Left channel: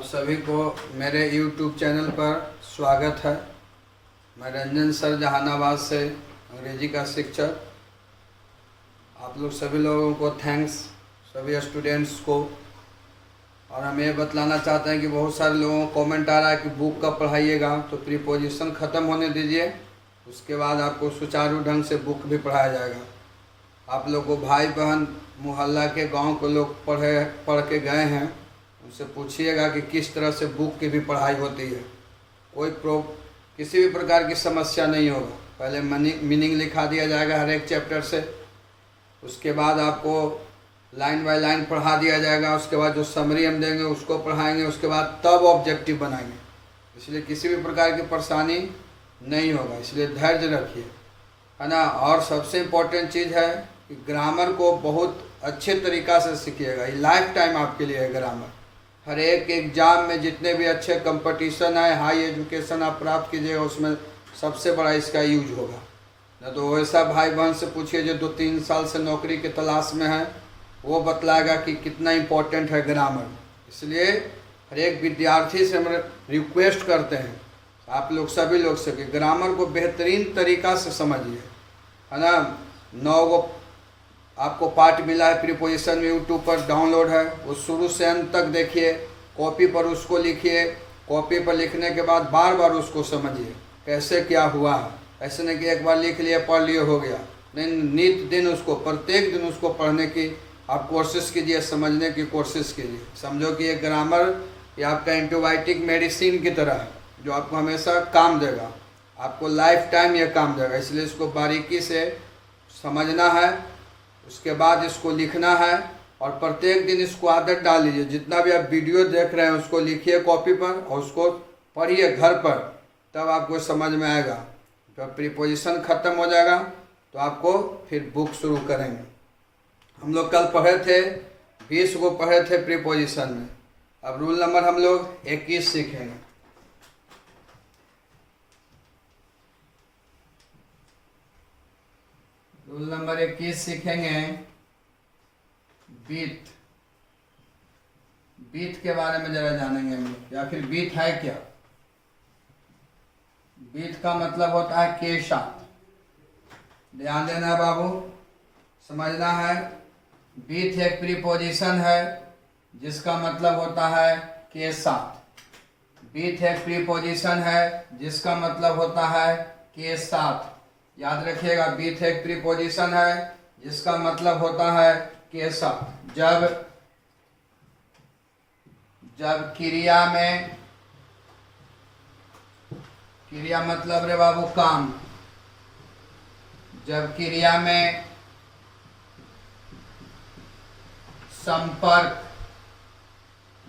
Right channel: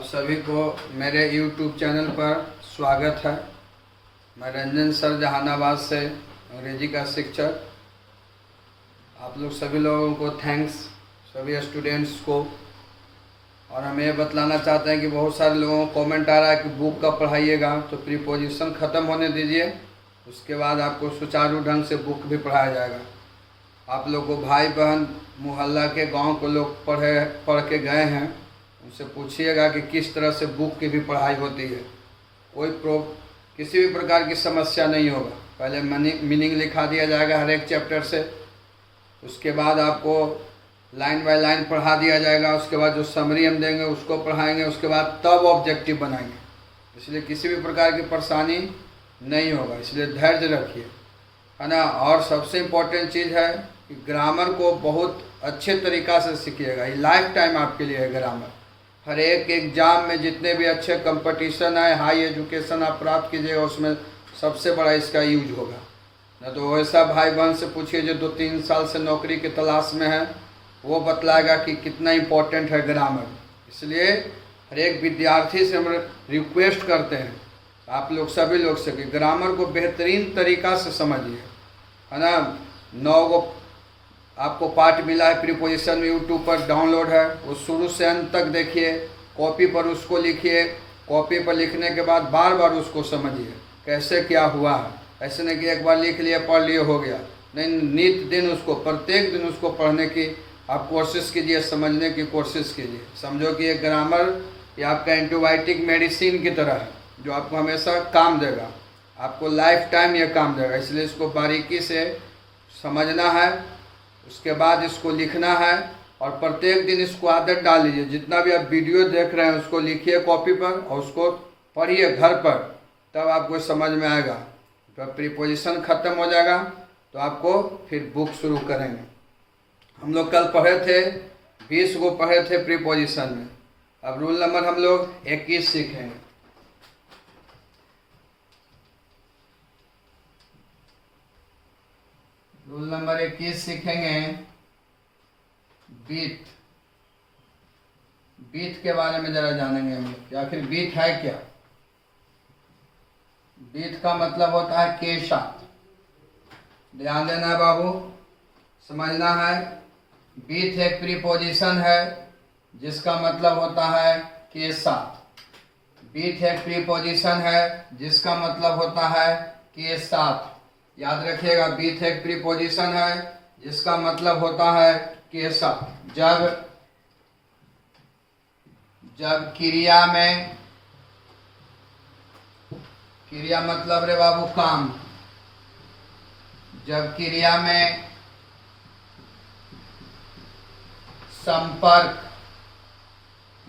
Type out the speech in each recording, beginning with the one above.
आप सभी को मेरे YouTube चैनल पर स्वागत है। मैं रंजन सर जहानाबाद से अंग्रेजी का शिक्षक। आप लोग सभी लोगों को थैंक्स, सभी स्टूडेंट्स को। और हम ये बतलाना चाहते हैं कि बहुत सारे लोगों को कमेंट आ रहा है कि बुक कब पढ़ाइएगा, तो प्रीपोजिशन ख़त्म होने दीजिए, उसके बाद आपको सुचारू ढंग से बुक भी पढ़ाया जाएगा। आप लोग को भाई बहन मोहल्ला के गांव के लोग पढ़ के गए हैं, उनसे पूछिएगा कि किस तरह से बुक की भी पढ़ाई होती है। किसी भी प्रकार की समस्या नहीं होगा। पहले मीनिंग लिखा दिया जाएगा हर एक चैप्टर से, उसके बाद आपको लाइन बाय लाइन पढ़ा दिया जाएगा, उसके बाद जो समरी हम देंगे उसको पढ़ाएंगे, उसके बाद तब ऑब्जेक्टिव बनाएंगे। इसलिए किसी भी प्रकार की परेशानी नहीं होगा, इसलिए धैर्य रखिए, है ना। और सबसे इम्पोर्टेंट चीज़ है कि ग्रामर को बहुत अच्छे तरीक़ा से सीखिएगा। ये लाइफ टाइम आपके लिए है ग्रामर। हर एक एग्ज़ाम में जितने भी अच्छे कंपटीशन है, हाई एजुकेशन आप प्राप्त कीजिएगा, उसमें सबसे बड़ा इसका यूज होगा। न तो वैसा भाई बहन से पूछिए जो 2-3 साल से नौकरी की तलाश में है, वो बतलाएगा कि कितना इम्पोर्टेंट है ग्रामर। इसलिए हर एक विद्यार्थी से हम रिक्वेस्ट करते हैं, आप लोग सभी लोग से, कि ग्रामर को बेहतरीन तरीक़ा से समझिए, है ना। 9 गो आपको पार्ट मिला है प्रीपोजिशन में, यूट्यूब पर डाउनलोड है, वो शुरू से अंत तक देखिए, कॉपी पर उसको लिखिए, कॉपी पर लिखने के बाद बार बार उसको समझिए कैसे क्या हुआ है। ऐसे नहीं कि एक बार लिख लिए पढ़ लिए हो गया, नहीं, नित दिन उसको, प्रत्येक दिन उसको पढ़ने की आप कोशिश कीजिए, समझने की कोशिश कीजिए। समझो कि ये ग्रामर ये आपका एंटीबायोटिक मेडिसिन की तरह है, जो आपको हमेशा काम देगा, आपको लाइफ टाइम ये काम देगा। इसलिए इसको बारीकी से समझना है, उसके बाद इसको लिखना है, और प्रत्येक दिन इसको आदत डाल लीजिए। जितना भी आप वीडियो देख रहे हैं उसको लिखिए कॉपी पर और उसको पढ़िए घर पर, तब आपको समझ में आएगा। जब प्रीपोजिशन ख़त्म हो जाएगा तो आपको फिर बुक शुरू करेंगे। हम लोग कल पढ़े थे 20 को पढ़े थे प्रीपोजिशन में। अब रूल नंबर हम लोग 21 सीखेंगे। रूल नंबर 21 सीखेंगे बीट। बीट के बारे में जरा जानेंगे हम लोग, आखिर बीट है क्या। बीट का मतलब होता है के साथ। ध्यान देना है बाबू, समझना है। बीट एक प्रीपोजिशन है जिसका मतलब होता है के साथ। बीट एक प्रीपोजिशन है जिसका मतलब होता है के साथ। याद रखिएगा, बीट एक प्रीपोजिशन है जिसका मतलब होता है के साथ। जब क्रिया में, क्रिया मतलब रे बाबू काम, जब क्रिया में संपर्क,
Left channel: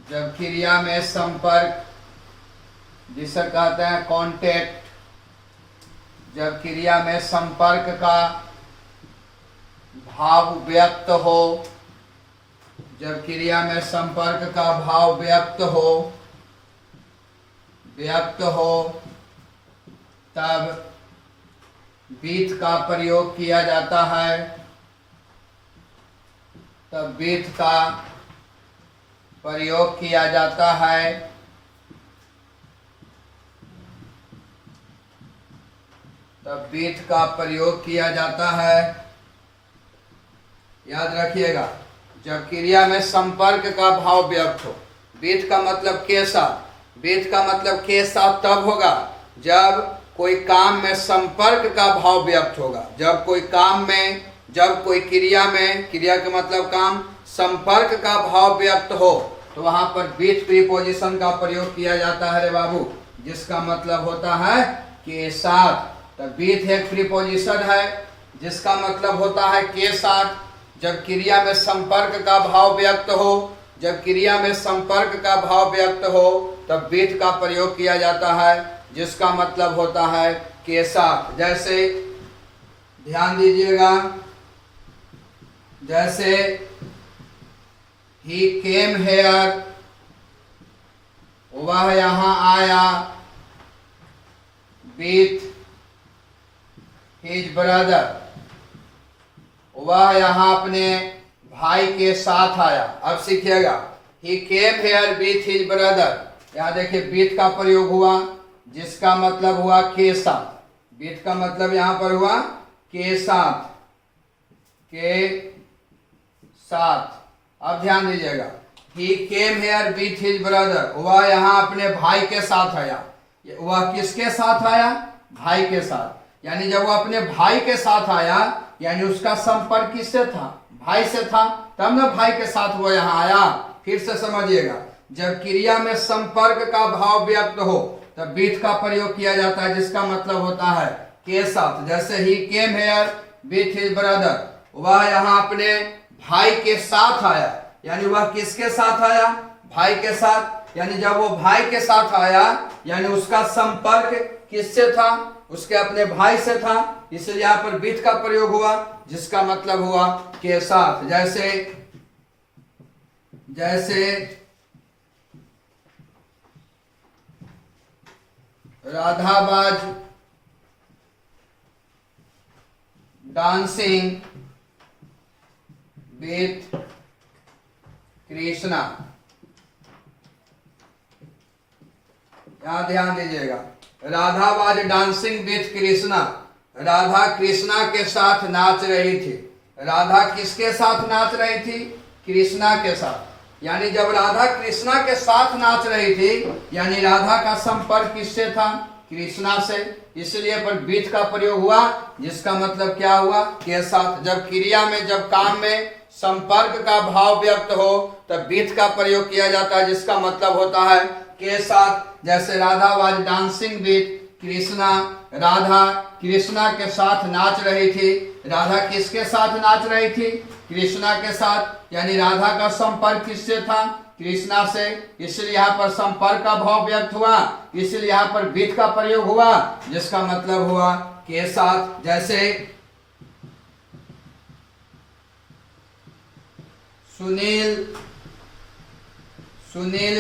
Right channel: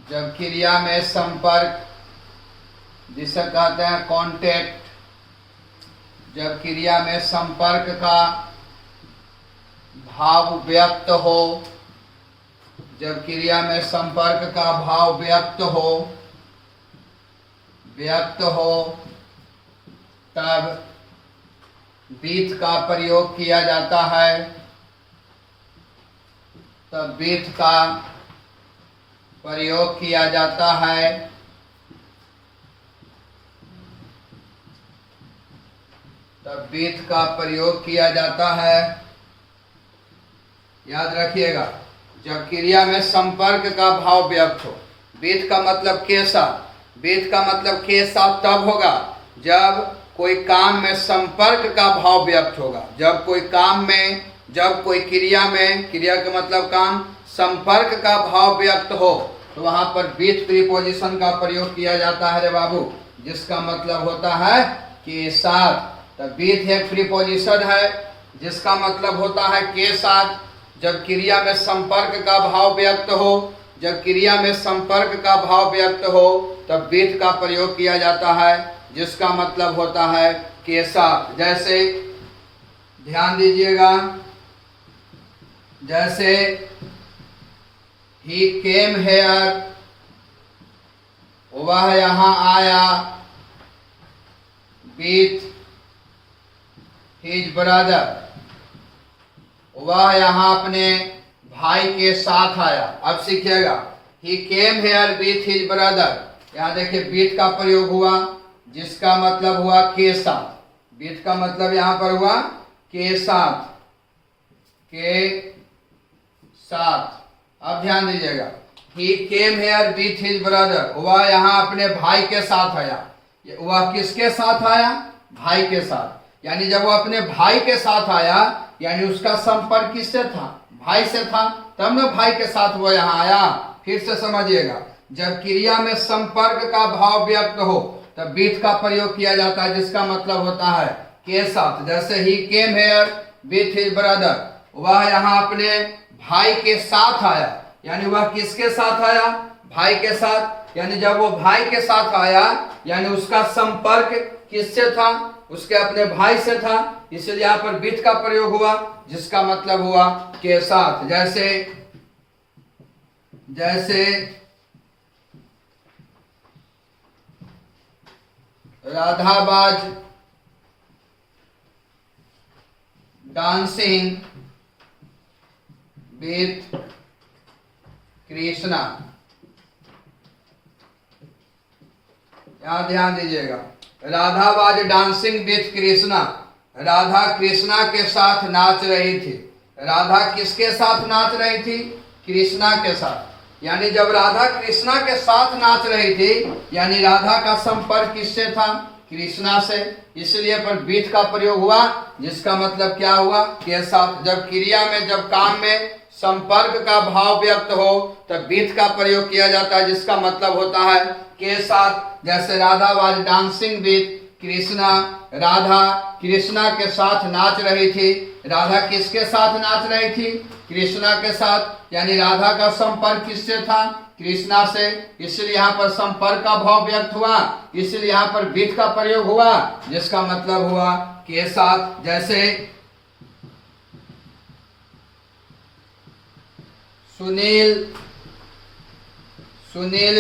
जब क्रिया में संपर्क जिसे कहते हैं कांटेक्ट, जब क्रिया में संपर्क का भाव व्यक्त हो, जब क्रिया में संपर्क का भाव व्यक्त हो तब बीट का प्रयोग किया जाता है। तब बीट का प्रयोग किया जाता है। तब बीट का प्रयोग किया जाता है। याद रखिएगा, जब क्रिया में संपर्क का भाव व्यक्त हो। बीट का मतलब के साथ। बीट का मतलब के साथ तब होगा जब कोई काम में संपर्क का भाव व्यक्त होगा। जब कोई काम में, जब कोई क्रिया में, क्रिया का मतलब काम, संपर्क का भाव व्यक्त हो, तो वहां पर बीट प्रीपोजिशन का प्रयोग किया जाता है रे बाबू, जिसका मतलब होता है के साथ। तब बीट एक प्रीपोजिशन है जिसका मतलब होता है के साथ। जब क्रिया में संपर्क का भाव व्यक्त हो, जब क्रिया में संपर्क का भाव व्यक्त हो, तब बीट का प्रयोग किया जाता है जिसका मतलब होता है के साथ। जैसे ध्यान दीजिएगा, जैसे ही केम हेयर, वह यहाँ आया। बीट हिज ब्रदर, वह यहाँ अपने भाई के साथ आया। अब सीखिएगा, he came here with his brother. यहाँ देखिए विथ का प्रयोग हुआ जिसका मतलब हुआ के साथ। विथ का मतलब यहाँ पर हुआ के साथ, के साथ। अब ध्यान दीजिएगा, he came here with his brother, वह यहाँ अपने भाई के साथ आया। वह किसके साथ आया? भाई के साथ। यानी जब वह अपने भाई के साथ आया यानी उसका संपर्क किससे था? भाई से था, तब न भाई के साथ वो यहाँ आया। फिर से समझिएगा, जब क्रिया में संपर्क का भाव व्यक्त हो तब विथ का प्रयोग किया जाता है जिसका मतलब होता है के साथ। जैसे he came here with his brother, वह यहाँ अपने भाई के साथ आया। यानी वह किसके साथ आया? भाई के साथ। यानी जब वो भाई के साथ आया यानी उसका संपर्क किससे था? उसके अपने भाई से था, इसलिए यहाँ पर विथ का प्रयोग हुआ जिसका मतलब हुआ के साथ। जैसे जैसे Radha was dancing with Krishna. यहां ध्यान दीजिएगा, Radha was dancing with Krishna. Radha Krishna के साथ नाच रही थी। राधा किसके साथ नाच रही थी? कृष्णा के साथ। यानी जब राधा कृष्णा के साथ नाच रही थी यानी राधा का संपर्क किससे था? कृष्णा से, इसलिए पर विथ का प्रयोग हुआ जिसका मतलब क्या हुआ? के साथ। जब क्रिया में, जब काम में संपर्क का भाव व्यक्त हो तब विथ का प्रयोग किया जाता है जिसका मतलब होता है के साथ। जैसे Radha was dancing with Krishna, Radha Krishna के साथ नाच रही थी। राधा किसके साथ नाच रही थी? कृष्णा के साथ। यानी राधा का संपर्क किससे था? कृष्णा से, इसलिए यहाँ पर संपर्क का भाव व्यक्त हुआ, इसलिए यहाँ पर विथ का प्रयोग हुआ जिसका मतलब हुआ के साथ। जैसे Sunil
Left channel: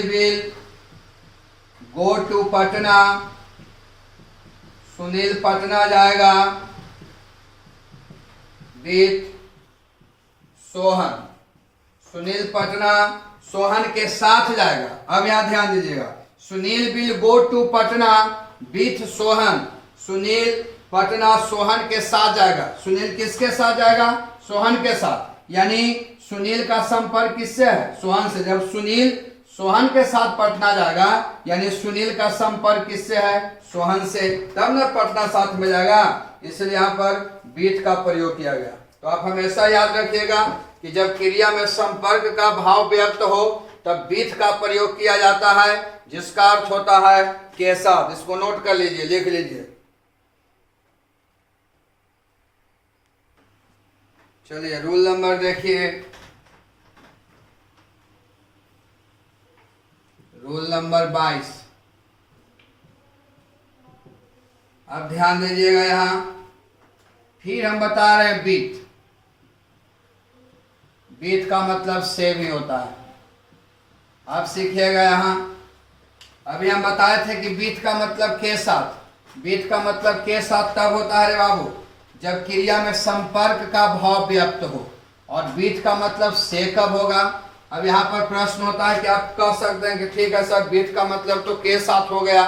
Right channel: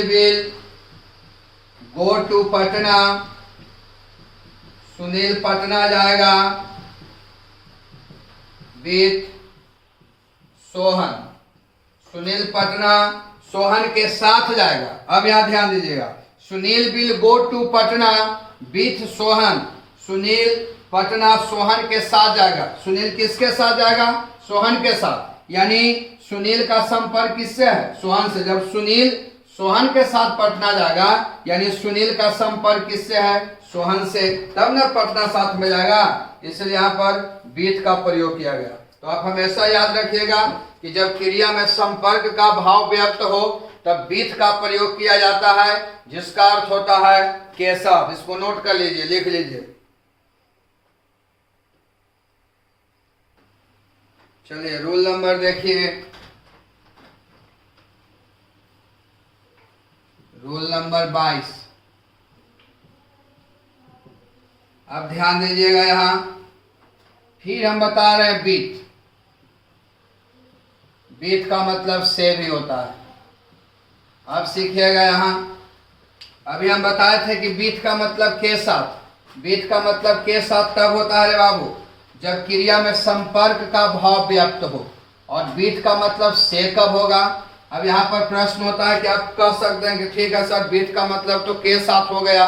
will go to Patna. Sunil Patna जाएगा विथ सोहन। सुनील पटना सोहन के साथ जाएगा। अब यहां ध्यान दीजिएगा, Sunil will go to Patna with Sohan. Sunil Patna Sohan के साथ जाएगा। सुनील किसके साथ जाएगा? सोहन के साथ। यानी सुनील का संपर्क किससे है? सोहन से। जब सुनील सोहन के साथ पटना जाएगा यानी सुनील का संपर्क किससे है? सोहन से, तब न पटना साथ में जाएगा, इसलिए यहाँ पर विथ का प्रयोग किया गया। तो आप हमेशा याद रखिएगा कि जब क्रिया में संपर्क का भाव व्यक्त हो तब विथ का प्रयोग किया जाता है जिसका अर्थ होता है के साथ। इसको नोट कर लीजिए, लिख लीजिए। चलिए रूल नंबर देखिए, रूल नंबर 22। अब ध्यान दीजिएगा, यहां फिर हम बता रहे हैं विथ। विथ का मतलब से भी होता है। अब सीखिएगा, यहां अभी हम बताए थे कि विथ का मतलब के साथ। विथ का मतलब के साथ तब होता है रे बाबू जब क्रिया में संपर्क का भाव व्यक्त हो। और विथ का मतलब से कब होगा? अब यहाँ पर प्रश्न होता है कि आप कह सकते हैं कि ठीक है सर, विथ का मतलब तो के साथ हो गया।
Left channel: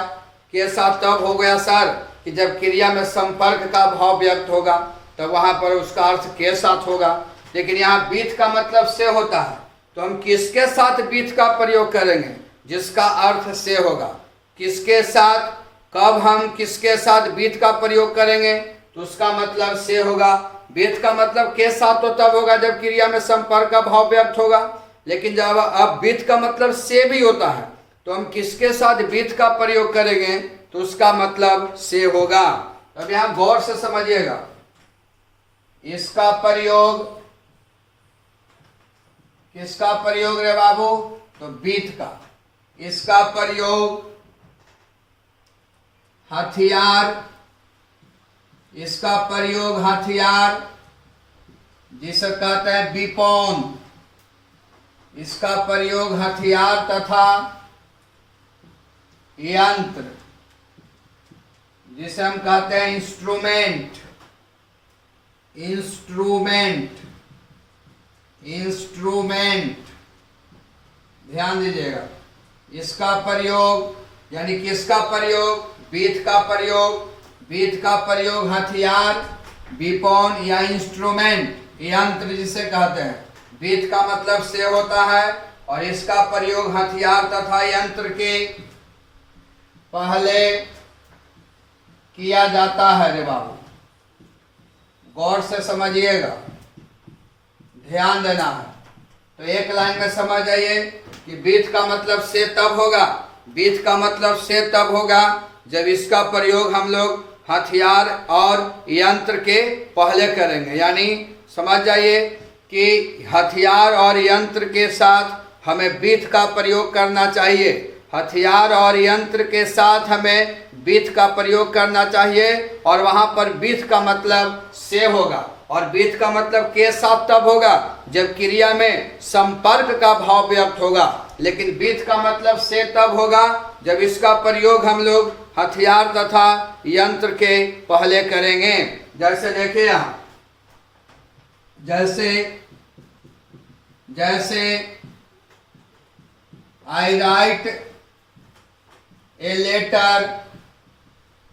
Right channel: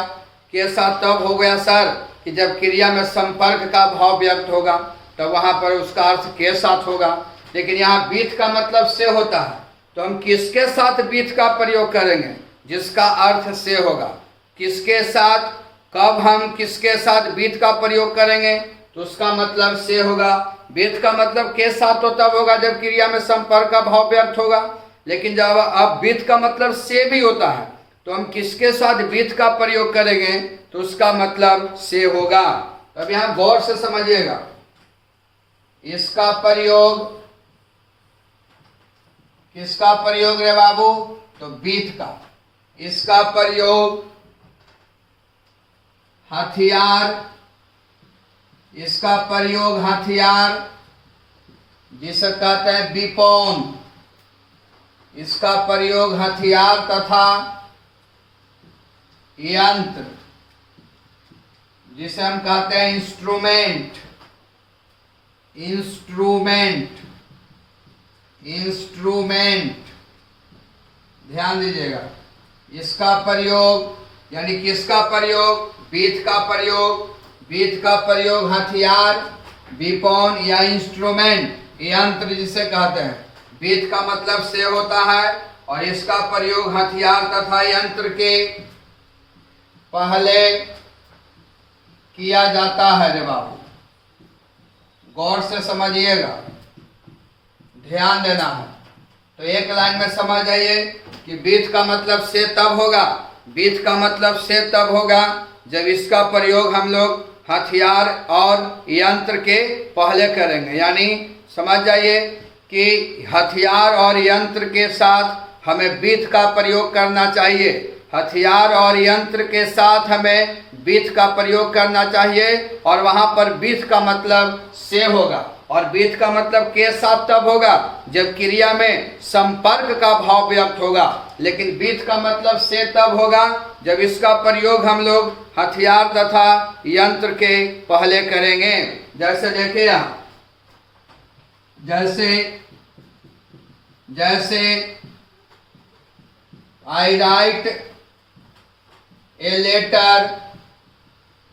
के साथ तब हो गया सर कि जब क्रिया में संपर्क का भाव व्यक्त होगा तब वहां पर उसका अर्थ के साथ होगा। लेकिन यहाँ विथ का मतलब से होता है, तो हम किसके साथ विथ का प्रयोग करेंगे? जिसका अर्थ से होगा। किसके साथ? कब हम किसके साथ विथ का प्रयोग करेंगे तो उसका मतलब से होगा। विथ का मतलब के साथ तो तब होगा जब क्रिया में संपर्क का भाव व्यक्त होगा। लेकिन जब अब विथ का मतलब से भी होता है तो हम किसके साथ विथ का प्रयोग करेंगे तो उसका मतलब से होगा। अब यहां गौर से समझिएगा, इसका प्रयोग, किसका प्रयोग रे बाबू? तो विथ का। इसका प्रयोग हथियार, इसका प्रयोग हथियार जिसे कहते हैं विपौन। इसका प्रयोग हथियार तथा यंत्र जिसे हम कहते हैं इंस्ट्रूमेंट। इंस्ट्रूमेंट, इंस्ट्रूमेंट ध्यान दीजिएगा, इसका प्रयोग यानी किसका प्रयोग, बीथ का प्रयोग। बीथ का प्रयोग हथियार, वेपन या इंस्ट्रूमेंट, यंत्र जिसे कहते हैं। बीथ का मतलब से होता है और इसका प्रयोग हथियार तथा यंत्र के पहले किया जाता है। रे बाबू गौर से समझिएगा, ध्यान देना है। तो एक लाइन में समझ जाइए कि बीथ का मतलब से तब होगा, बीथ का मतलब से तब होगा जब इसका प्रयोग हम लोग हथियार और यंत्र के पहले करेंगे। यानी समझ जाइए कि हथियार और यंत्र के साथ हमें बीथ का प्रयोग करना चाहिए। हथियार और यंत्र के साथ हमें बीथ का प्रयोग करना चाहिए और वहां पर बीथ का मतलब से होगा। और बीथ का मतलब के साथ तब होगा जब क्रिया में संपर्क का भाव व्यक्त होगा। लेकिन बीथ का मतलब से तब होगा जब इसका प्रयोग हम लोग हथियार तथा यंत्र के पहले करेंगे। जैसे देखिए यहाँ, जैसे आई राइट ए लेटर,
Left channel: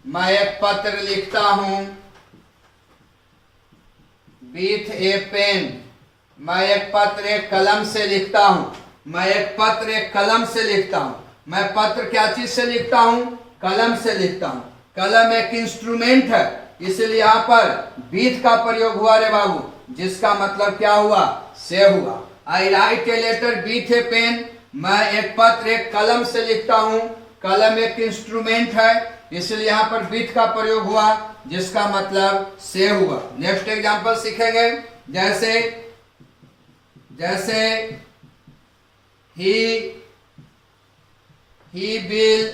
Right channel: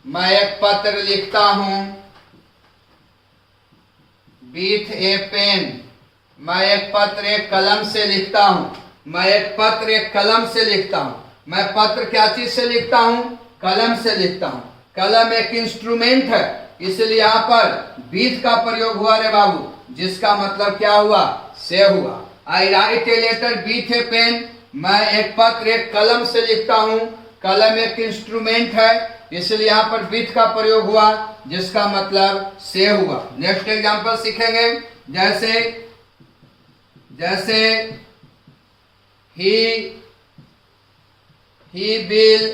मैं एक पत्र लिखता हूं। विथ ए पेन, मैं एक पत्र एक कलम से लिखता हूं। मैं एक पत्र एक कलम से लिखता हूं। मैं पत्र क्या चीज से लिखता हूं, कलम से लिखता हूं। कलम एक इंस्ट्रूमेंट है, इसलिए यहाँ पर बीथ का प्रयोग हुआ रे बाबू, जिसका मतलब क्या हुआ, से हुआ। I write a letter with a pen, मैं एक पत्र एक कलम से लिखता हूं। कलम एक इंस्ट्रूमेंट है, इसलिए यहाँ पर बीथ का प्रयोग हुआ, जिसका मतलब से हुआ। नेक्स्ट एग्जांपल सीखेंगे। जैसे he will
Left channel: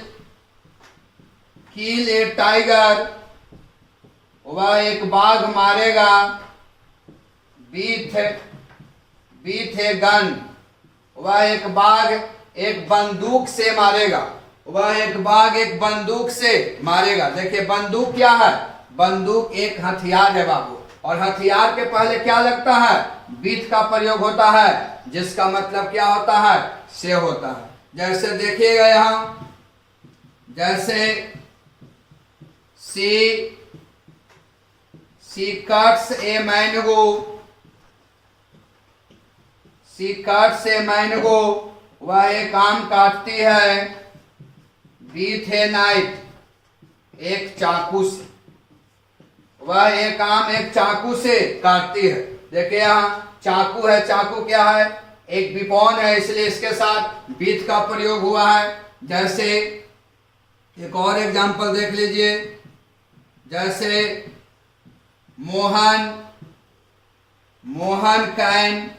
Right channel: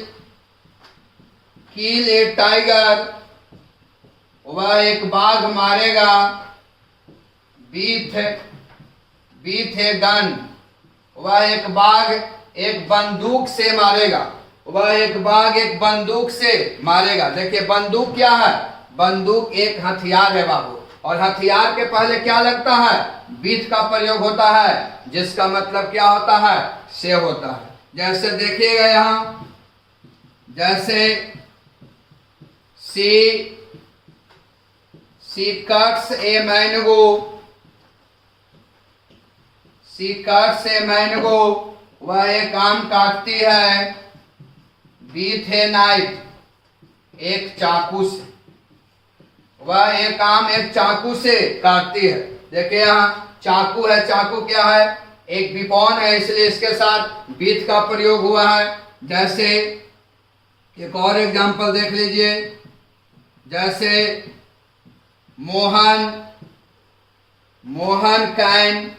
kill A tiger, वह एक बाघ मारेगा। विथ ए गन, वह एक बाघ एक बंदूक से मारेगा। वह एक बाघ एक बंदूक से मारेगा। देखिए बंदूक क्या है, बंदूक एक हथियार है बाबू, और हथियार के पहले क्या लगता है, बीथ का प्रयोग होता है, जिसका मतलब क्या होता है, से होता है। जैसे देखिएगा यहाँ, जैसे she cuts a mango, she cuts a mango, वह एक आम काटती है। विथ ए नाइफ, एक चाकू से, वह एक आम एक चाकू से काटती है। देखिए यहाँ चाकू है, चाकू क्या है, एक विपौन है, इसलिए इसके साथ बीथ का प्रयोग हुआ है। जैसे एक और एग्जांपल देख लीजिए, जैसे Mohan can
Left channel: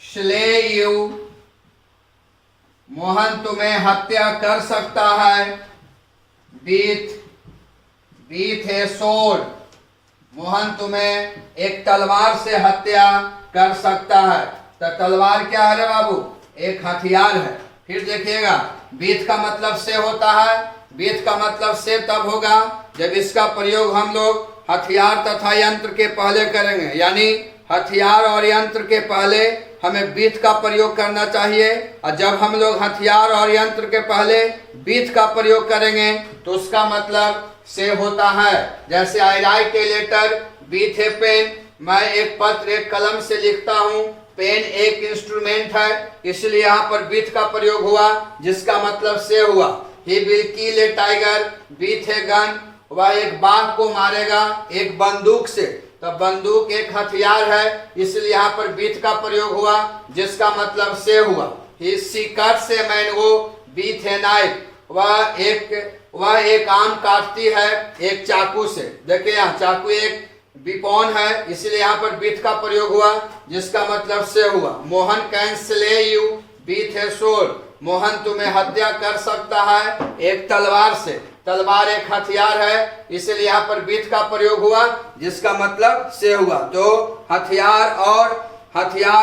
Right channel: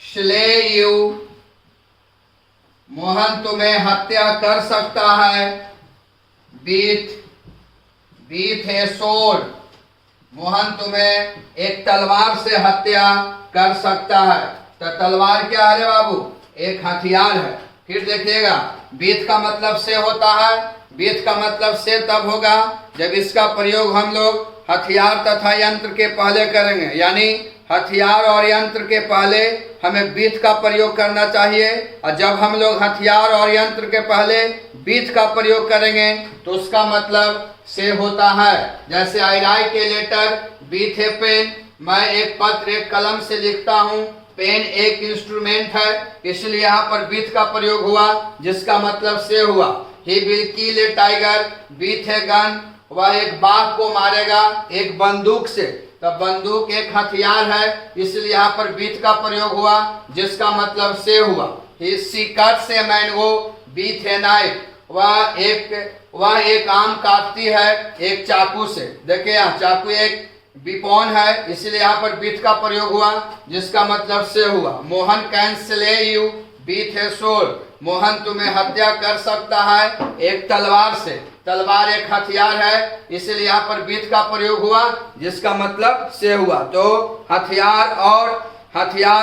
slay you, Mohan तुम्हें हत्या कर सकता है। विथ ए सोर्ड, मोहन तुम्हें एक तलवार से हत्या कर सकता है। तो तलवार क्या है रे बाबू, एक हथियार है। फिर देखिएगा बीथ का मतलब से होता है। बीथ का मतलब से तब होगा जब इसका प्रयोग हम लोग हथियार तथा यंत्र के पहले करेंगे। यानी हथियार और यंत्र के पहले हमें बीथ का प्रयोग करना चाहिए, और जब हम लोग हथियार और यंत्र के पहले बीथ का प्रयोग करेंगे तो उसका मतलब से होता है। जैसे I write a letter with a pen, मैं एक पत्र एक कलम से लिखता हूँ। पेन एक इंस्ट्रूमेंट है, इसलिए यहाँ पर बीथ का प्रयोग हुआ, जिसका मतलब से हुआ। He will kill A tiger with a gun, वह एक बाघ को मारेगा एक बंदूक से। तो बंदूक एक हथियार है, इसलिए यहाँ पर बीथ का प्रयोग हुआ, जिसका मतलब से हुआ। She cuts a mango with a knife, वह एक आम काटती है एक चाकू से। देखिए यहाँ चाकू एक विपौन है, इसलिए यहाँ पर बीथ का प्रयोग हुआ, जिसका मतलब से हुआ। Mohan can slay you with A sword, Mohan तुम्हें हत्या कर सकता है एक तलवार से। तलवार एक हथियार है, इसलिए यहाँ पर बीथ का प्रयोग हुआ, जिसका मतलब से हुआ। तो हथियार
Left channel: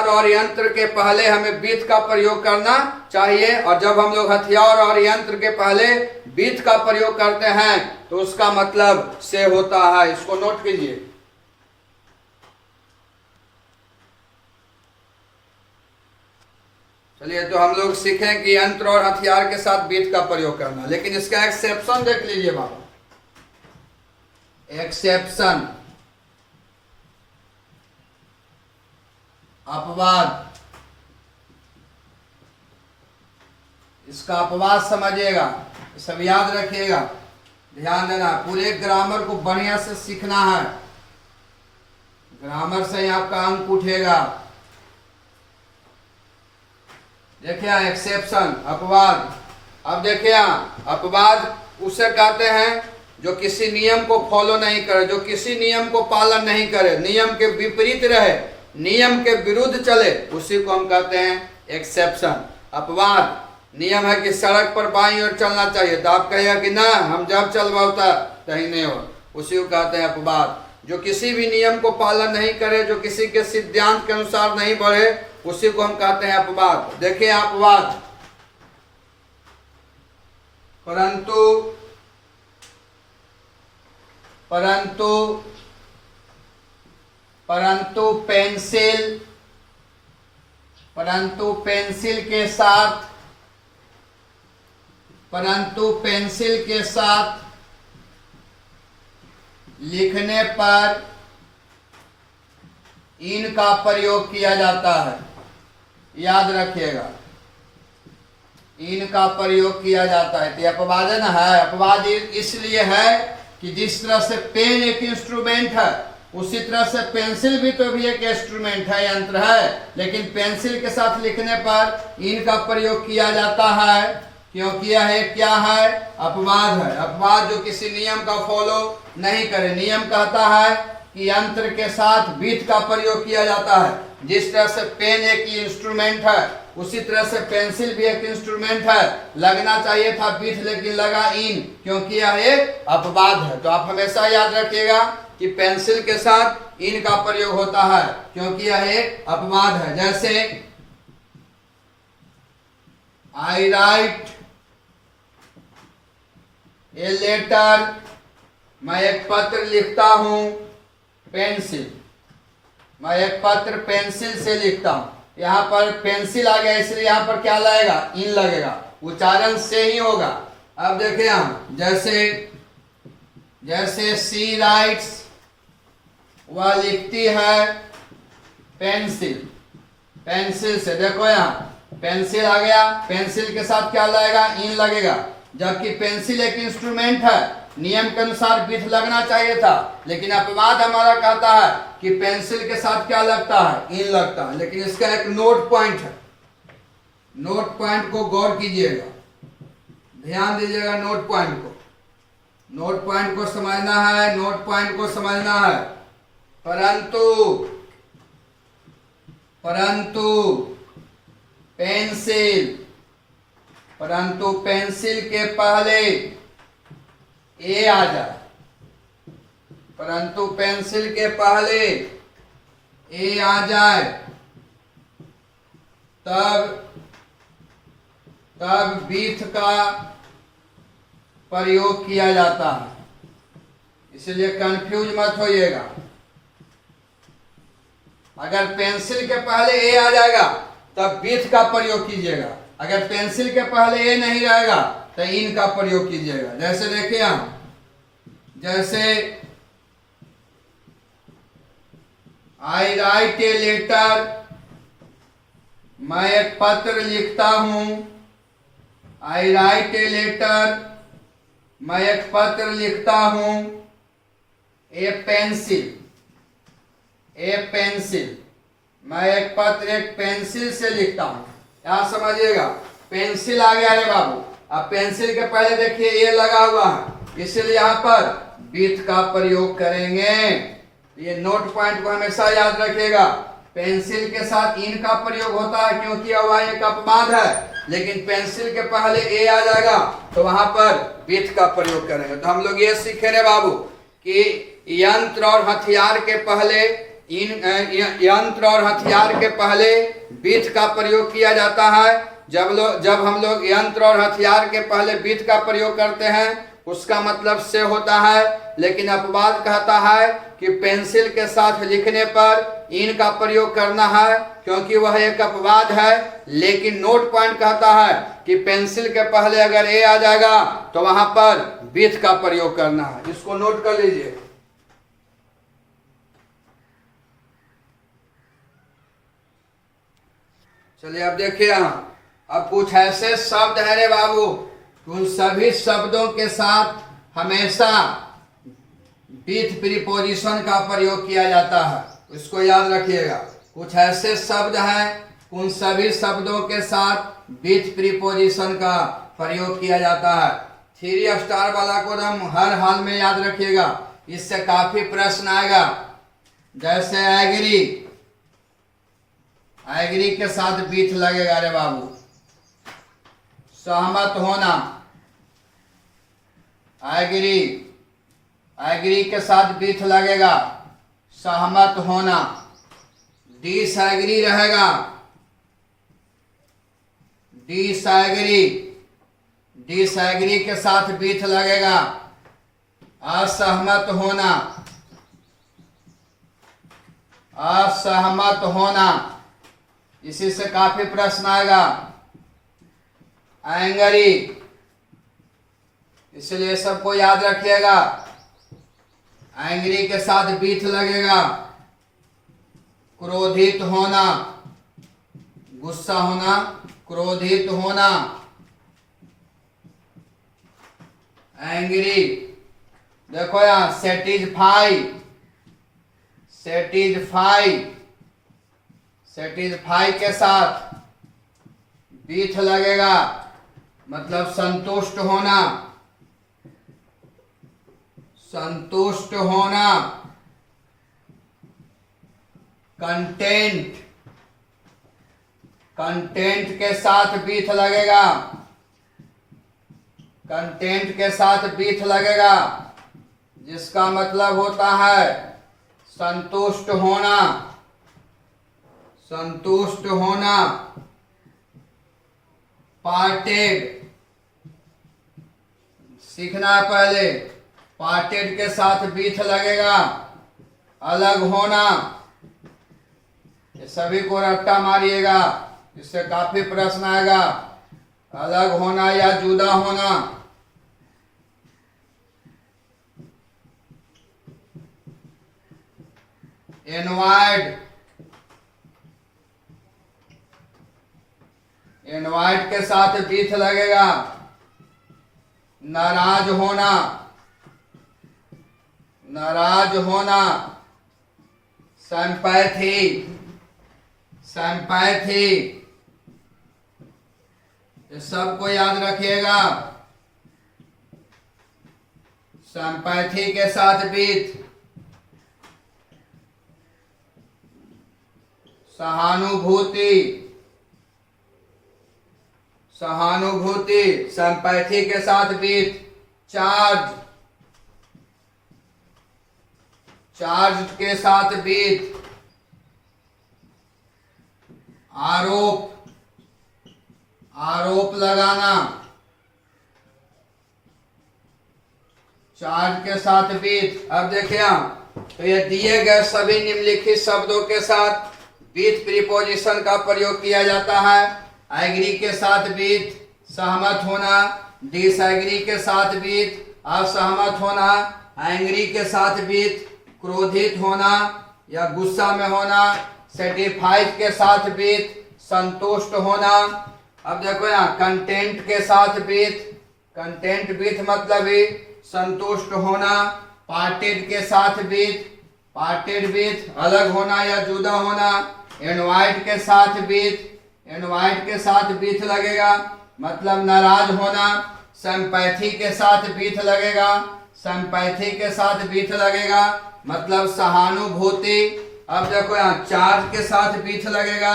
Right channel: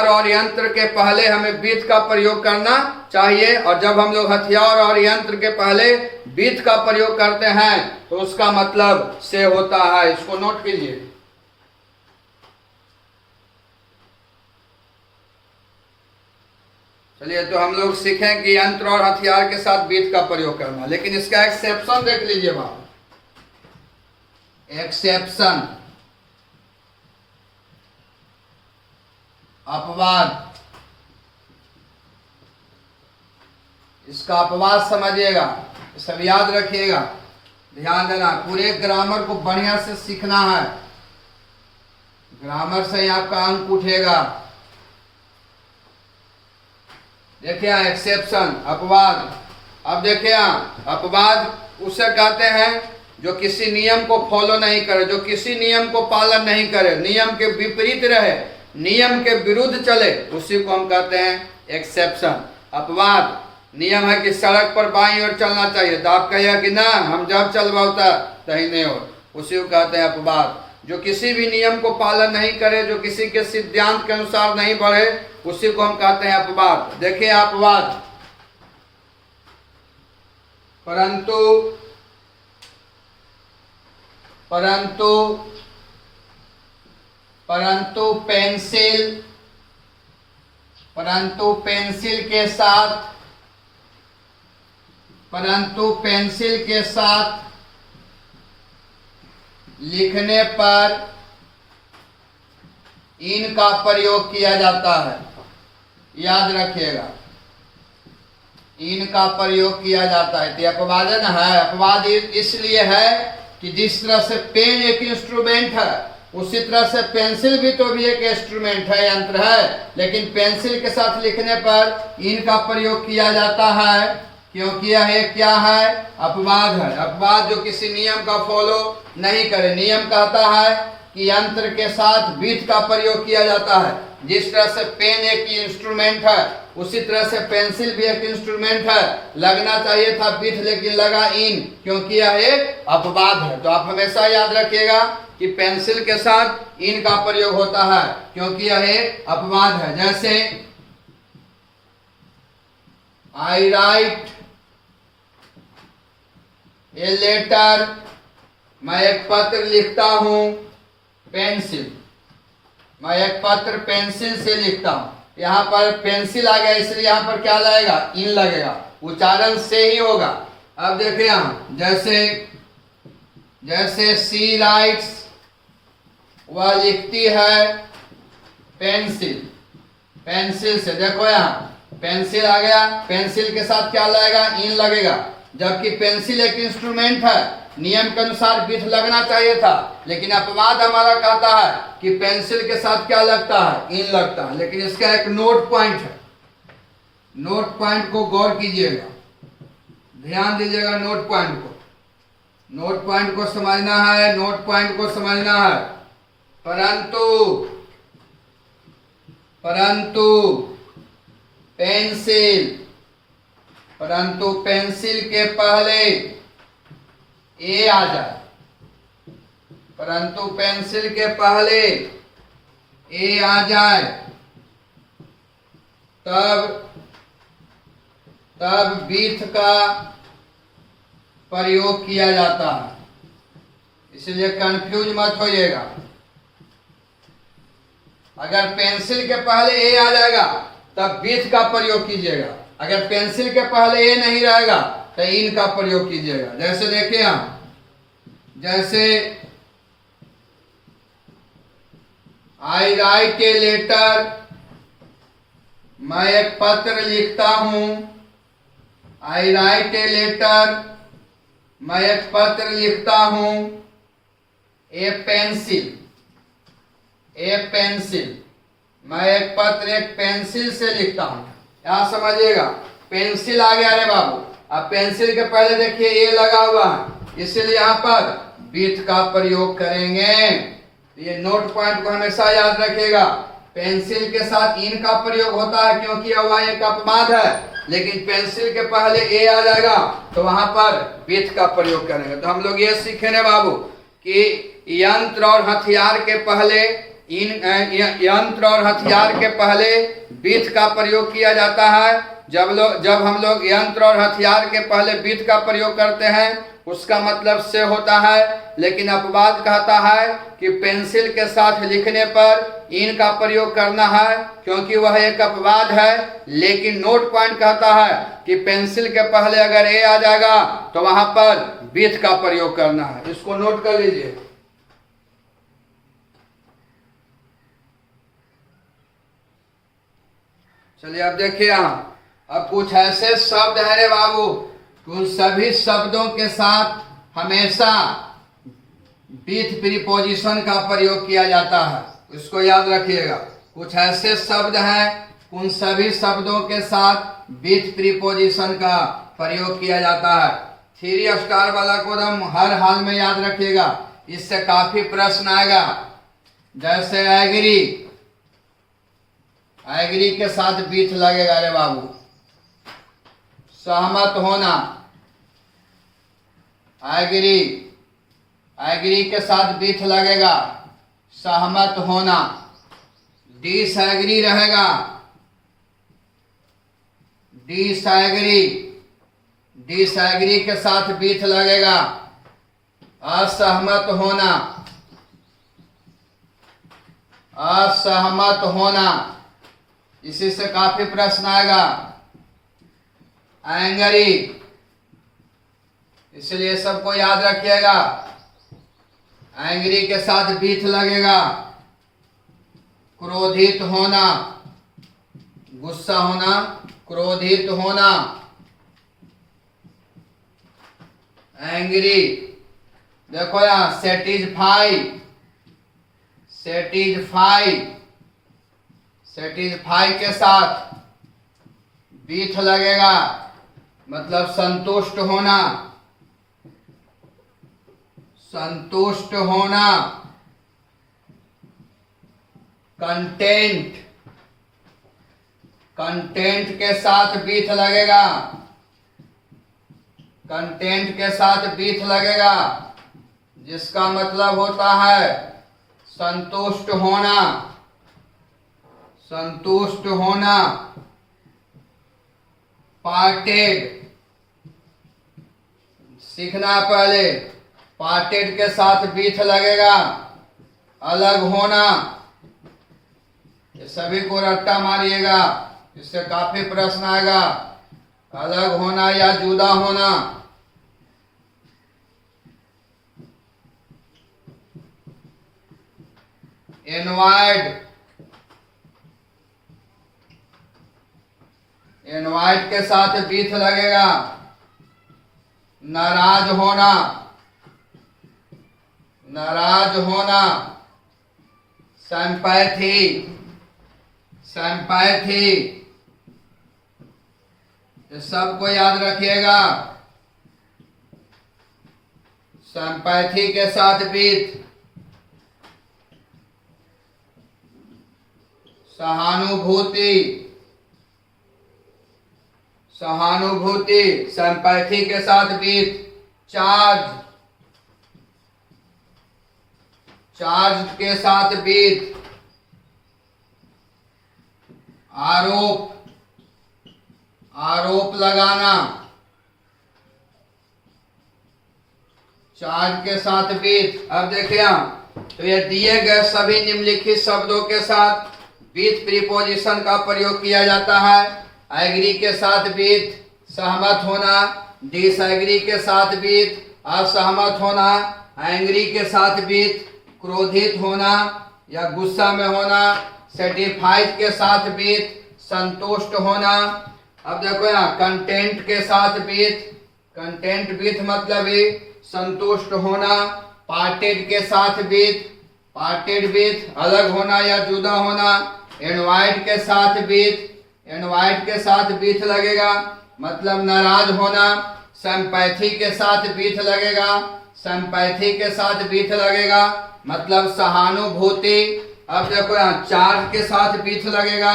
और यंत्र के पहले हमें बीथ का प्रयोग करना चाहिए, और जब हम लोग हथियार और यंत्र के पहले बीथ का प्रयोग करते हैं तो उसका मतलब से होता है। इसको नोट कीजिए। चलिए, तो हम लोग सीखें कि यंत्र और हथियार के साथ बीट का प्रयोग करना, लेकिन इसका एक्सेप्शन देख लीजिए बाबू। एक्सेप्शन, अपवाद, इसका अपवाद समझिएगा, सब याद रखिएगा, ध्यान देना। पूरे ग्रामर को बढ़िया से सीखना है, ग्रामर से ही आपका अंक उठेगा। देखिए एक्सेप्शन, अपवाद। अब देखिए अपवाद उसे कहते हैं जो किसी नियम को फॉलो नहीं करे, जो किसी नियम को पालन नहीं करे, नियम के विपरीत रहे, नियम के विरुद्ध चले, उसी को हम कहते हैं एक्सेप्शन। अपवाद नियम है कि सड़क पर बाईं ओर चलना चाहिए, तो आप कहिएगा कि ना हम जब चलवाता दाहिने ओर, उसी को कहते हैं अपवाद। जो किसी भी नियम को पालन नहीं करे, जो किसी के सिद्धांत के अनुसार नहीं बढ़े, उसी को हम कहते हैं अपवाद। देखिए अपवाद, परंतु परंतु परंतु पेंसिल, परंतु पेंसिल के साथ, परंतु पेंसिल के साथ लिखने पर इन का प्रयोग किया जाता है, याद रखिएगा, इन का प्रयोग किया जाता है। तो अपवाद है ना, है अपवाद इसलिए है कि जिस तरह से पेन एक इंस्ट्रूमेंट है, उसी तरह से पेंसिल भी तो भी एक इंस्ट्रूमेंट है, यंत्र है, लेकिन पेंसिल के साथ लिखने पर इन का प्रयोग किया जाता है, क्योंकि यह क्या है, अपवाद है। अपवाद जो किसी नियम का फॉलो नहीं करे। नियम कहता है कि यंत्र के साथ बीट का प्रयोग किया जाता है। जिस तरह से पेन एक इंस्ट्रूमेंट है, उसी तरह से पेंसिल भी एक इंस्ट्रूमेंट है। लगना चाहिए था बीट, लेकिन लगा इन, क्योंकि यह एक अपवाद है। तो आप हमेशा याद रखिएगा कि पेंसिल के साथ इन का प्रयोग होता है, क्योंकि यह एक अपवाद है। जैसे आई राइट ए लेटर, मैं एक पत्र लिखता हूं, पेंसिल, मैं एक पत्र पेंसिल से लिखता हूं। यहाँ पर पेंसिल आ गया, इसलिए यहाँ पर क्या लगेगा, इन लगेगा, उच्चारण से ही होगा। अब देखिए हम, जैसे सी राइट्स, वह लिखती है पेंसिल, पेंसिल से। देखो यहाँ पेंसिल आ गया, पेंसिल के साथ क्या लगेगा, इन लगेगा, जबकि पेंसिल एक इंस्ट्रूमेंट है, नियम के अनुसार बीट लगना चाहिए था, लेकिन अपवाद हमारा कहता है कि पेंसिल के साथ क्या लगता है, इन लगता है। लेकिन इसका एक नोट पॉइंट है, नोट पॉइंट को गौर कीजिएगा, ध्यान दीजिएगा नोट पॉइंट को, नोट पॉइंट को समझना है, नोट पॉइंट को समझना है। परंतु पेंसिल, परंतु पेंसिल के पहले ए आ जाए, परंतु पेंसिल के पहले ए आ जाए, तब बीट का प्रयोग किया जाता है। इसलिए कंफ्यूज मत होइएगा। अगर पेंसिल के पहले ए आ जाएगा तब बीट का प्रयोग कीजिएगा, अगर पेंसिल के पहले ए नहीं रहेगा तो इन का प्रयोग कीजिएगा। जैसे देखिए हम, जैसे आई राइट ए लेटर, मैं एक पत्र लिखता हूं, आई राइट ए लेटर, मैं एक पत्र लिखता हूं, ए पेंसिल, ए पेंसिल, मैं एक पत्र एक पेंसिल से लिखता हूं। यहां समझिएगा, पेंसिल आ गया रे बाबू। अब पेंसिल के पहले देखिए ए लगा हुआ है, इसलिए यहाँ पर बीट का प्रयोग करेंगे। ये नोट पॉइंट को हमेशा याद रखिएगा। पेंसिल के साथ इन का प्रयोग होता है क्योंकि वह एक अपवाद है, लेकिन पेंसिल के पहले ए आ जाएगा तो वहां पर बीट का प्रयोग करेंगे। तो हम लोग ये सीखे ना बाबू कि यंत्र और हथियार के पहले यंत्र और हथियार के पहले बीट का प्रयोग किया जाता है, जब हम लोग यंत्र और हथियार के पहले विथ का प्रयोग करते हैं उसका मतलब से होता है, लेकिन अपवाद कहता है कि पेंसिल के साथ लिखने पर इन का प्रयोग करना है क्योंकि वह एक अपवाद है। लेकिन नोट पॉइंट कहता है कि पेंसिल के पहले अगर ए आ जाएगा तो वहां पर विथ का प्रयोग करना है। इसको नोट कर लीजिए। चलिए अब देखिए यहाँ अब कुछ ऐसे शब्द है रे बाबू, उन सभी शब्दों के साथ हमेशा विथ प्रीपोजिशन का प्रयोग किया जाता है, इसको याद रखिएगा। कुछ ऐसे शब्द हैं उन सभी शब्दों के साथ विथ प्रीपोजिशन का प्रयोग किया जाता है। 3 स्टार वाला को हम हर हाल में याद रखिएगा, इससे काफी प्रश्न आएगा। जैसे एग्री, एग्री के साथ विथ लगेगा रे बाबू। सहमत होना, एग्री, एग्री के साथ विथ लगेगा, सहमत होना। डिसएग्री रहेगा, डिसएग्री, डिसएग्री के साथ विथ लगेगा, असहमत होना, असहमत होना। इसी से काफी प्रश्न आएगा। एंगरी, इसलिए सबको याद रखिएगा, एंग्री के साथ विथ लगेगा। क्रोधित होना, गुस्सा होना, क्रोधित होना। एंग्री, देखो यहां सेटिस्फाई, सेटिस्फाई, सेटिस्फाई के साथ विथ लगेगा, मतलब संतुष्ट होना, संतुष्ट होना। कंटेंट, कंटेंट के साथ विथ लगेगा, कंटेंट के साथ विथ लगेगा, जिसका मतलब होता है संतुष्ट होना, संतुष्ट होना। पार्टेड, सीखना पहले, पार्टेड के साथ विथ लगेगा, अलग होना। ये सभी को रट्टा मारिएगा, इससे काफी प्रश्न आएगा। अलग होना या जुदा होना। इनवाइट, इनवाइट के साथ विथ लगेगा, नाराज होना, नाराज होना। सिंपैथी, सिंपैथी, सबको याद रखिएगा। सिंपैथी के साथ विथ। सहानुभूति, सहानुभूति, सिंपैथी के साथ विथ। चार्ज, चार्ज के साथ विथ। आरोप, आरोप लगाना, चार्ज के साथ विथ। अब देखिए तो ये दिए गए सभी निम्नलिखित शब्दों के साथ विथ प्रीपोजिशन का प्रयोग किया जाता है। एग्री के साथ विथ, सहमत होना। डिसएग्री के साथ विथ, असहमत होना। एंग्री के साथ विथ, क्रोधित होना या गुस्सा में होना। सेटिस्फाइड के साथ विथ, संतुष्ट होना। अब देखो यहाँ कंटेंट के साथ विथ, कंटेंट विथ मतलब ही संतुष्ट होना। पार्टेड के साथ विथ, पार्टेड विथ, अलग होना या जुदा होना। इनवाइट के साथ विथ, इनवाइट के साथ विथ लगेगा, मतलब नाराज होना। सिंपैथी के साथ विथ लगेगा, सिंपैथी के साथ विथ लगेगा, मतलब सहानुभूति। अब देखो यहाँ चार्ज के साथ विथ लगेगा,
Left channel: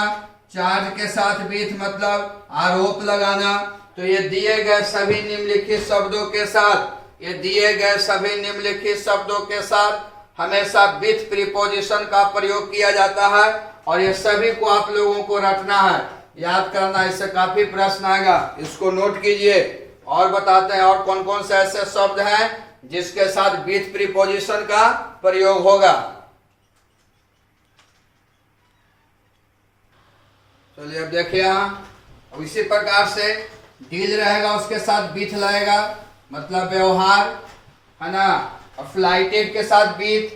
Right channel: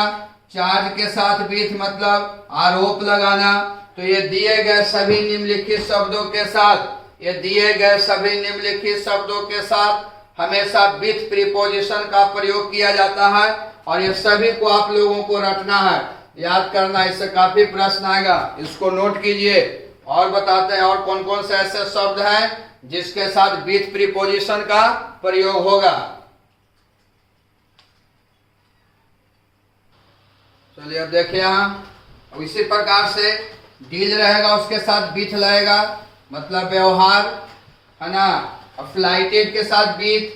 चार्ज के साथ विथ मतलब आरोप लगाना। तो ये दिए गए सभी निम्नलिखित शब्दों के साथ, ये दिए गए सभी निम्नलिखित शब्दों के साथ हमेशा विथ प्रीपोजिशन का प्रयोग किया जाता है और ये सभी को आप लोगों को रटना है। याद करना, इससे काफी प्रश्न आएगा, इसको नोट कीजिए। और बताते हैं और कौन कौन से ऐसे शब्द हैं जिसके साथ विथ प्रीपोजिशन का प्रयोग होगा। चलिए अब देखिए यहाँ, अब इसी प्रकार से डील रहेगा, उसके साथ विथ लगेगा, मतलब व्यवहार, है ना। अफ्लाइटेड के साथ विथ,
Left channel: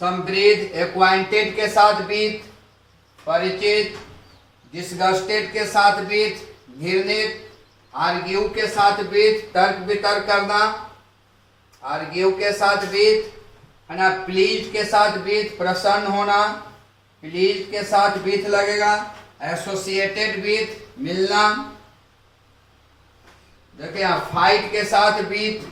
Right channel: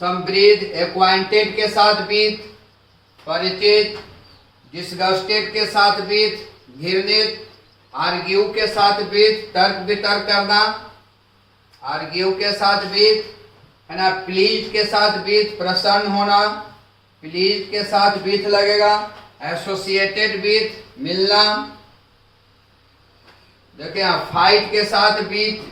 समब्रीद एक्वाइंटेड के साथ विथ, परिचित, डिस्गस्टेड के साथ विथ, घृणित, आर्ग्यू के साथ विथ, तर्क वितर्क करना, आर्ग्यू के साथ विथ, है ना। प्लीज के साथ विथ, प्रसन्न होना, प्लीज के साथ विथ लगेगा। एसोसिएटेड विथ, मिलना। देखिए यहाँ फाइट के साथ विथ,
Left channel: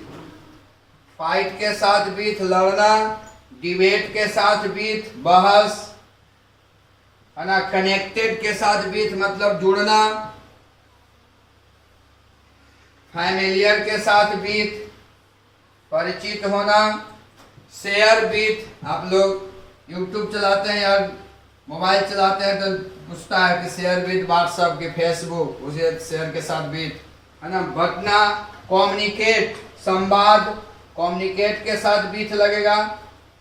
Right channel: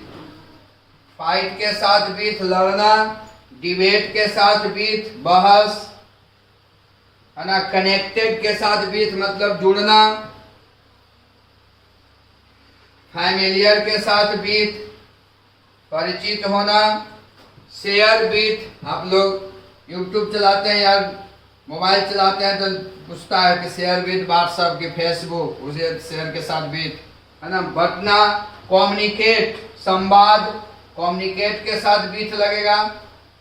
फाइट के साथ विथ लड़ना, डिबेट के साथ विथ बहस, है ना। कनेक्टेड के साथ विथ मतलब जुड़ना, फैमिलियर के साथ विथ परिचित होना, शेयर विथ, आप लोग यूट्यूब चलाते हैं या मोबाइल चलाते हैं तो पूछता है कि शेयर विथ व्हाट्सएप की फेसबुक, उसे शेयर के साथ विथ, है ना। बटना, कम्युनिकेट संवाद, कम्युनिकेट के साथ विथ लगेगा।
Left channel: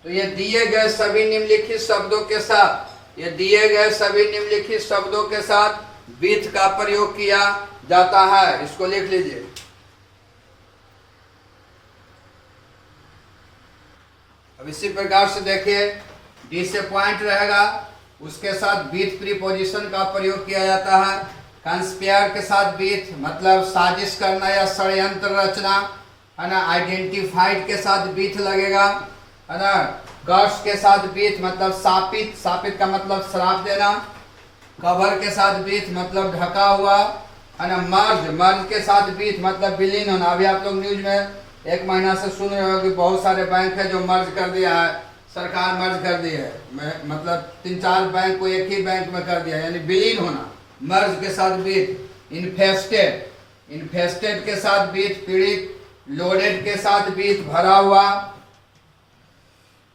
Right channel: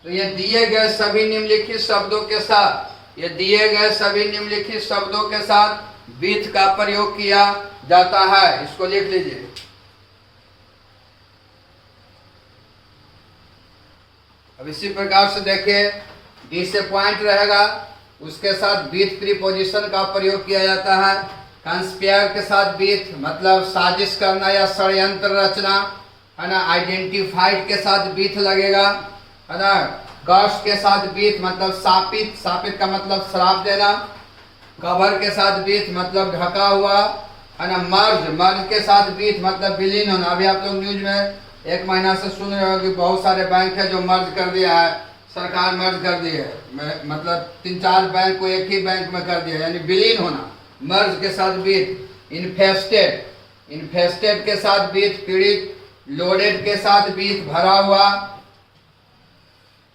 तो ये दिए गए सभी निम्नलिखित शब्दों के साथ, ये दिए गए सभी निम्नलिखित शब्दों के साथ विथ का प्रयोग किया जाता है, इसको लिख लीजिए। अब इसी प्रकार से देखिए, डिसअपॉइंट रहेगा, उसके साथ विथ प्रीपोजिशन का प्रयोग किया जाता है। कंस्पायर के साथ विथ मतलब साजिश करना या षड्यंत्र रचना, है ना। आइडेंटिफाइड के साथ विथ लगेगा, है ना। कर्स के साथ विथ मतलब शापित, शापित का मतलब श्राप देना। कवर के साथ विथ मतलब ढका हुआ, है ना। मर्ज, मर्ज के साथ विथ मतलब विलीन होना। अभी आप लोग न्यूज में एक महीना से सुन रहे हो कि बहुत सारे बैंक है जो मर्ज कर दिया है, सरकार मर्ज कर दी है, मतलब 3-4 बैंक को एक ही बैंक में कर दिया, यानी विलीन होना। मर्ज के साथ विथ। इन्फेस्टेड, इन्फेस्टेड के साथ विथ पीड़ित। लोडेड के साथ विथ भरा हुआ।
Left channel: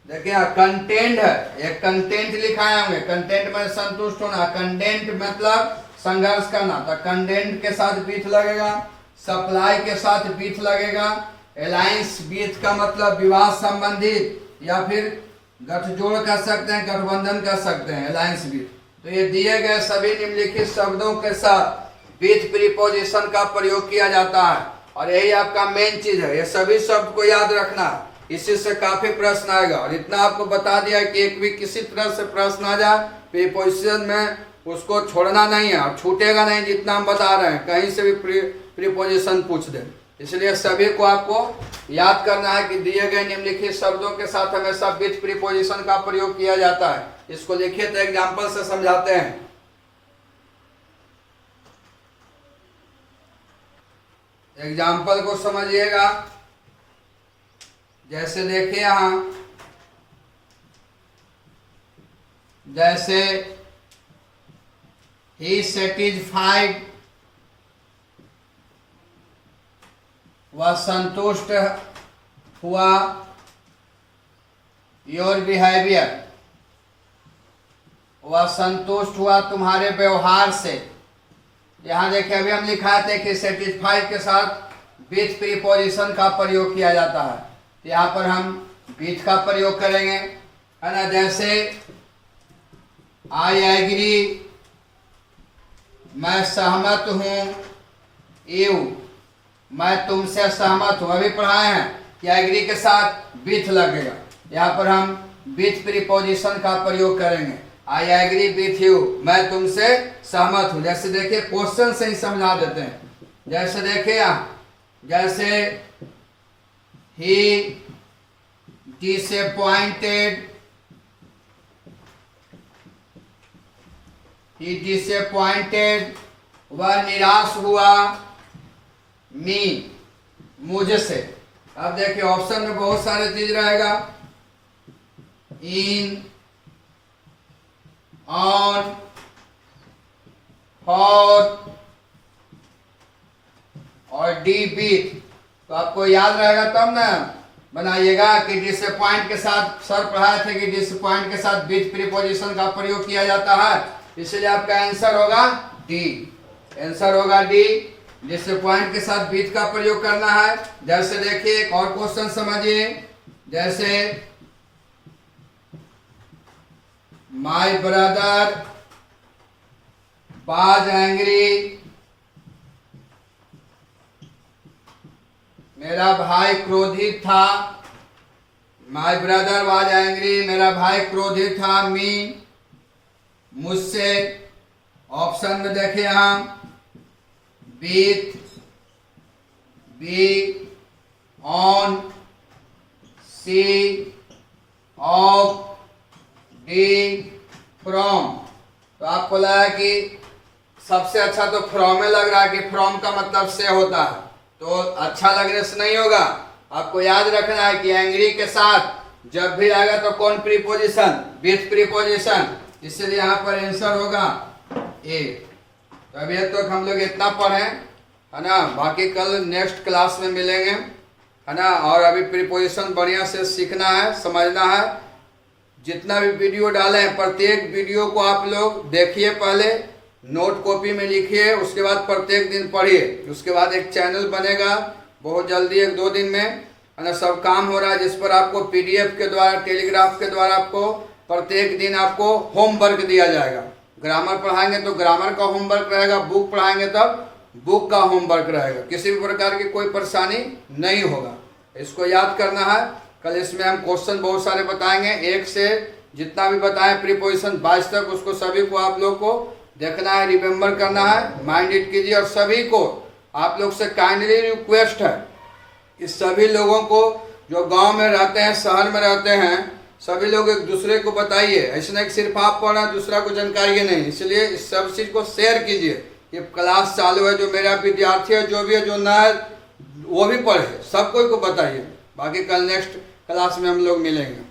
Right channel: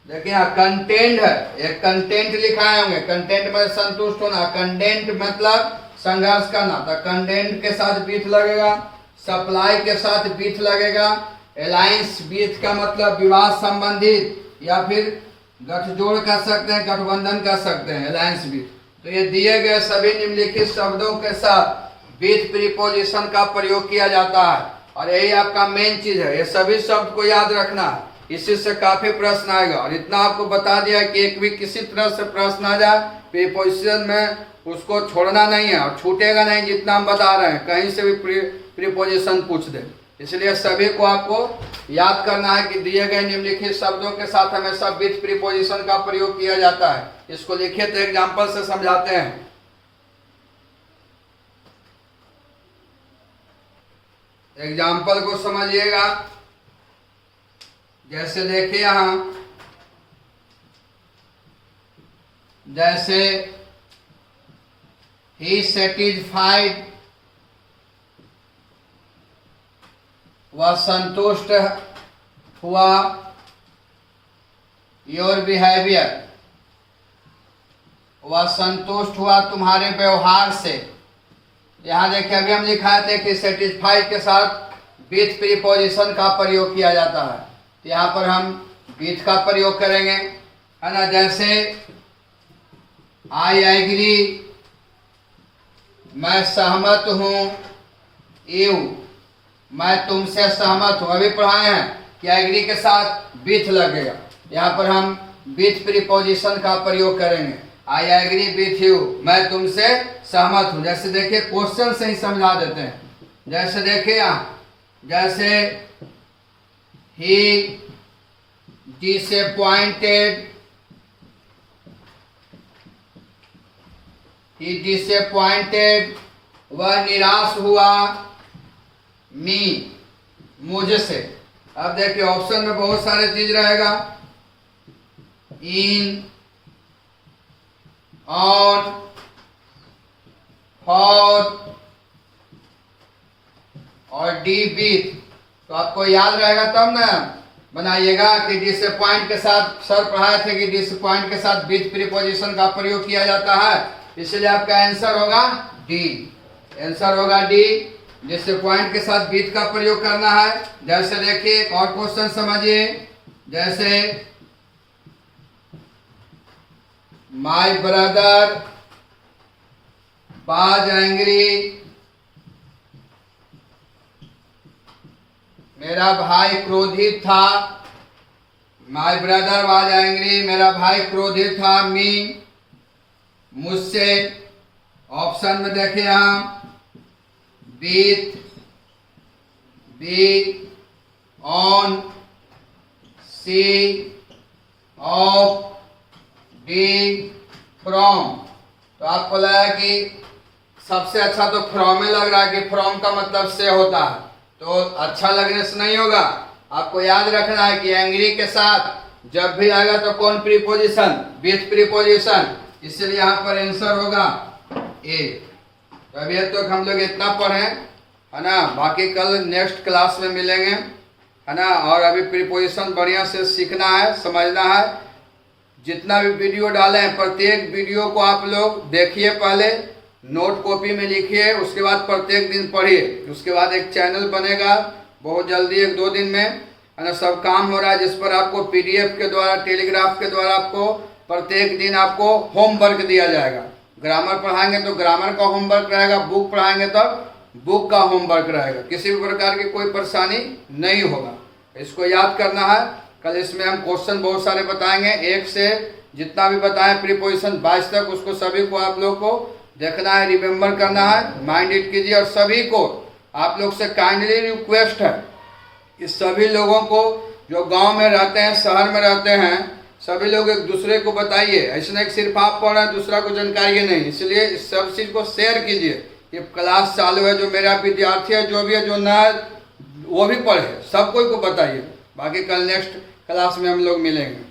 देखिए यहाँ कंटेंट है, एक कंटेंट लिखाए होंगे, कंटेंट में संतुष्ट होना, कंटेंट मतलब संघर्ष करना, तो कंटेंट के साथ विथ लगेगा। सप्लाई के साथ विथ लगेगा। अलायंस विथ का मतलब विवाह संबंधित या फिर गठजोड़ कर सकते हैं, गठबंधन कर सकते हैं, अलायंस विथ। तो ये दिए गए सभी निम्नलिखित शब्दों के साथ विथ प्रीपोजिशन का प्रयोग किया जाता है, और यही आपका मेन चीज है। ये सभी शब्द को याद रखना है, इसी से काफी प्रश्न आएगा। और इतना आपको बता दिया कि एक भी किसी तरह से प्रश्न आ जाए प्रीपोजिशन में, उसको छोड़ना नहीं है और छूटेगा नहीं। जितना हम बता रहे हैं कहीं से भी प्रीपोजिशन पूछ दे, इसलिए सभी को आपको याद करना है कि दिए गए निम्नलिखित शब्दों के साथ हमेशा विथ प्रीपोजिशन का प्रयोग किया जाता है। इसको लिखिए तो एग्जाम्पल से समझाते हैं। एग्जाम्पल को समझिएगा। जैसे देखिए यहां, जैसे ही सेटिस्फाइड, वह संतुष्ट हुआ। योर बिहेवियर, वह संतुष्ट हुआ तुम्हारे व्यवहार से। यहाँ देखिए अभी हम लिखा थे कि सेटिस्फाइड के साथ विथ प्रीपोजिशन का प्रयोग किया जाता है, तो यहाँ पर हम विथ का प्रयोग करेंगे, है ना। जैसे आई एग्री, मैं सहमत हूँ। यू, मैं तुमसे सहमत हूँ। अभी पढ़ाए हैं कि एग्री के साथ विथ लगेगा, यहाँ पर हम विथ प्रीपोजिशन का प्रयोग करेंगे। आई एग्री विथ यू, मैं तुमसे सहमत हूँ। जैसे देखिए क्वेश्चन से ही समझा देते हैं। जैसे देखिए यहाँ, जैसे ही डिसअपॉइंटेड, ही डिसअपॉइंटेड, वह निराश हुआ। मी, मुझसे। अब देखिए ऑप्शन में बहुत सारे चीज रहेगा, इन, ऑन, फॉर और डी विथ। तो आपको याद रहेगा तब ना बनाइएगा कि डिसअपॉइंट के साथ, सर पढ़ाए थे कि डिसअपॉइंट के साथ विथ प्रीपोजिशन का प्रयोग किया जाता है। इसलिए आपका आंसर होगा डी। आंसर होगा डी, जिससे पॉइंट के साथ बीट का प्रयोग करना है। जैसे देखिए एक और क्वेश्चन समझिए, जैसे माय ब्रदर वाज एंग्री, मेरा भाई क्रोधित था। माय ब्रदर वाज एंग्री, मेरा भाई क्रोधित था। मी, मुझसे। ऑप्शन में देखें हम, with, B, on, C, off, D, from. तो आपको लगा कि सबसे अच्छा तो फ्रॉम में लग रहा है कि फ्रॉम का मतलब से होता है, तो अच्छा लगने से नहीं होगा। आपको याद रखना है कि एंग्री के साथ जब भी आएगा तो कौन प्रीपोजिशन, विथ प्रीपोजिशन, इसलिए यहाँ पर आंसर होगा ए। तो अभी तक हम लोग इतना पढ़े है ना, बाकी कल नेक्स्ट क्लास में मिलेंगे है ना। और अभी प्रीपोजिशन बढ़िया से सीखना है, समझना है। जितना भी वीडियो डाले हैं प्रत्येक वीडियो को आप लोग देखिए, पहले नोट कॉपी में लिखिए, उसके बाद प्रत्येक दिन पढ़िए। उसके बाद एक चैनल बनेगा बहुत जल्दी, 1-2 दिन में है ना। सब काम हो रहा है जिस पर आपको पीडीएफ के द्वारा, टेलीग्राफ के द्वारा आपको प्रत्येक दिन आपको होमवर्क दिया जाएगा। ग्रामर पढ़ाएंगे तो ग्रामर का होमवर्क रहेगा, बुक पढ़ाएंगे तब बुक का होमवर्क रहेगा। किसी भी प्रकार की कोई परेशानी नहीं होगा, इसको याद करना है। कल इसमें हम क्वेश्चन बहुत सारे बताएंगे, 1 से जितना भी बताएं प्रीपोजिशन 22 तक, उसको सभी को आप लोग को देखना है, रिमेम्बर करना है, माइंड इट कीजिए। और सभी को आप लोग से काइंडली रिक्वेस्ट है कि सभी लोगों को जो गांव में रहते हैं, शहर में रहते हैं, सभी लोग एक दूसरे को बताइए। ऐसा नहीं कि सिर्फ आप पढ़ रहे हैं दूसरा को जानकारी है नहीं, इसलिए इस सब चीज़ को शेयर कीजिए। ये क्लास चालू है, जो मेरा विद्यार्थी है, जो भी है, जो नया है वो भी पढ़े, सब कोई को बताइए। बाकी कल नेक्स्ट क्लास में हम लोग मिलेंगे।